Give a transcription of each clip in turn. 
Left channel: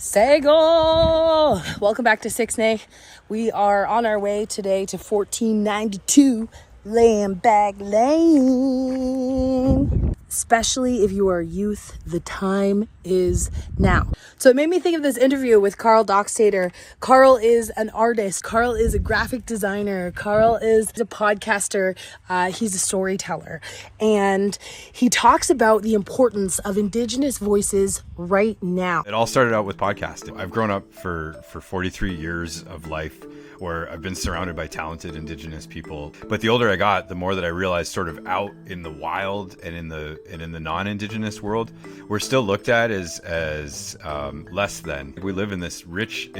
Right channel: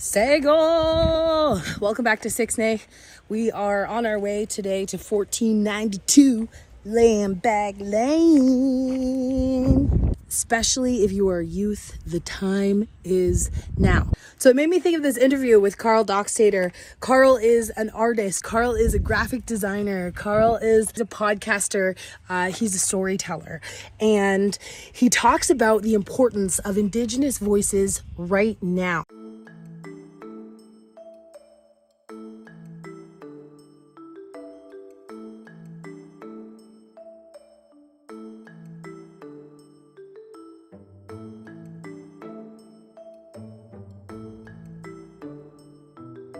Sego! Welcome back to Sixnay. We are on our way today to 1492 Layback Lane. Especially if you are youth, the time is now. So it made me think of this interview with Karl Doxdator. Karl is an artist. Karl is a graphic designer. Karl is a podcaster. He's a storyteller. And he talks about the importance of Indigenous voices right now. It all started out with podcasting. I've grown up for 43 years of life where I've been surrounded by talented Indigenous people. But the older I got, the more that I realized sort of out in the wild and in the non-Indigenous world, we're still looked at as less than. We live in this rich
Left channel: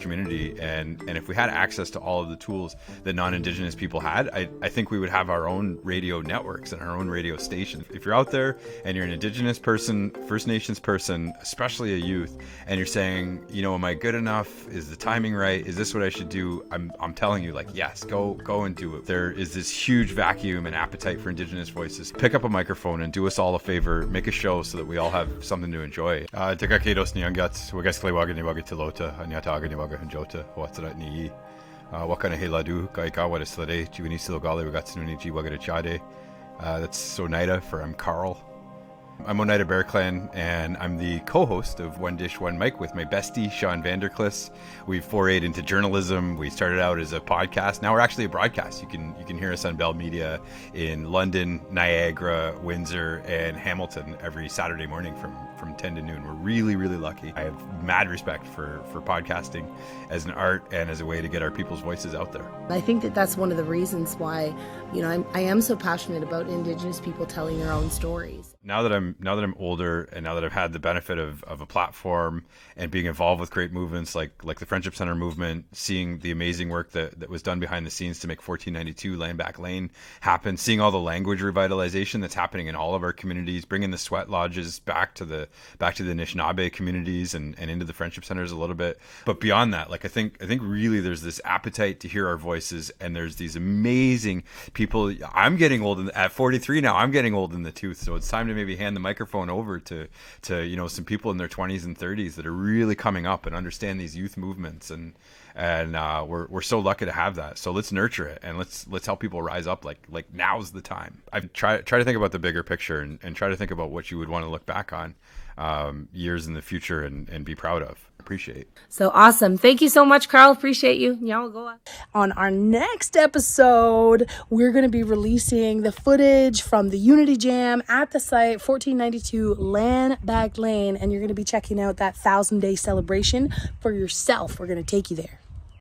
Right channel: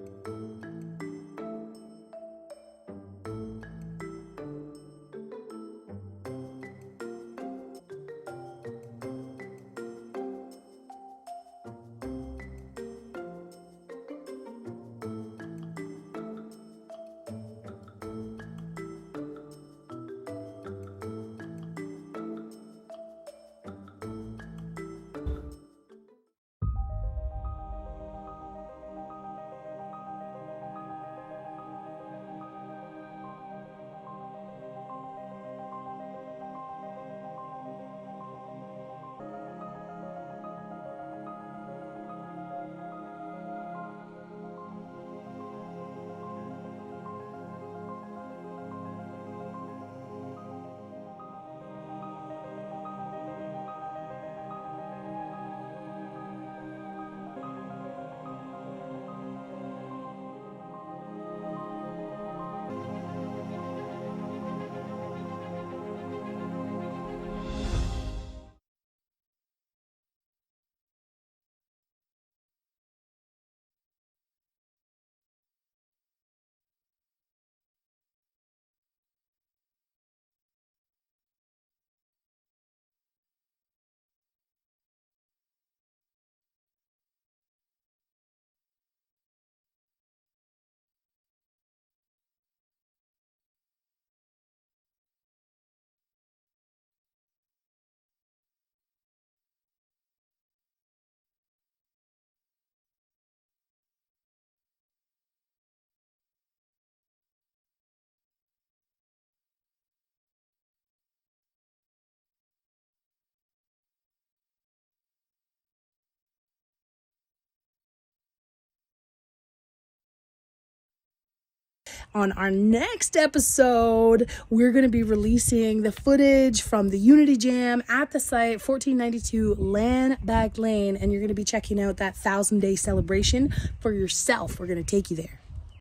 community, and if we had access to all of the tools that non-Indigenous people had, I think we would have our own radio networks and our own radio stations. If you're out there and you're an Indigenous person, First Nations person, especially a youth, and you're saying, you know, am I good enough? Is the timing right? Is this what I should do? I'm telling you, like, yes, go and do it. There is this huge vacuum and appetite for Indigenous voices. Pick up a microphone and do us all a favor. Make a show so that we all have something to enjoy. Tekakedos niangats, wagasklewagani wagatilota, anyatagani wagahanjota, watsarat ni. Wakana heladu, kaikawa de slade, chiwinisilogale wagatsununi ji wagadachade. That's Sonaida for I'm Karl. I'm Oneida Bear Clan, and I'm the co-host of One Dish, One Mic with my bestie, Sean Vanderklis. We've forayed into journalism. We started out as a podcast. Now we're actually a broadcast. You can hear us on Bell Media in London, Niagara, Windsor, and Hamilton every Saturday morning from 10 to noon. We're really, really lucky. I have mad respect for podcasting as an art and as a way to get our people's voices out there. I think that's one of the reasons why, you know, I am so passionate about Indigenous people telling their own stories. Now that I'm older, and now that I've had the benefit of a platform and being involved with great movements like the Friendship Center movement, seeing the amazing work that was done behind the scenes to make 1492 Layback Lane happen, seeing all the language revitalization that's happening in all of our communities, bringing the sweat lodges back to the Anishinaabe communities and into the Friendship Centers a little bit. But beyond that, like I think really there's this appetite to hear our voices, and there's these amazing people. I'm getting old at 43 now. I'm getting old in the tooth, so it's time to maybe hand the microphone over to you know, some people in their 20s and 30s that are really coming up and understand these youth movements, and we're so lucky to have that. So let's nurture it, and let's help people rise up. Like now's the time. I try to think about the bigger picture and try to think about what you would want to look back on years in the future and be proud of. Appreciate. So awesome. Thank you so much, Karl. Appreciate you. On our next episode, we're going to be releasing the footage from the Unity Jam at the site, 1492 Layback Lane, and you're going to be checking out that 1,000-day celebration for yourself. We're going to take you there.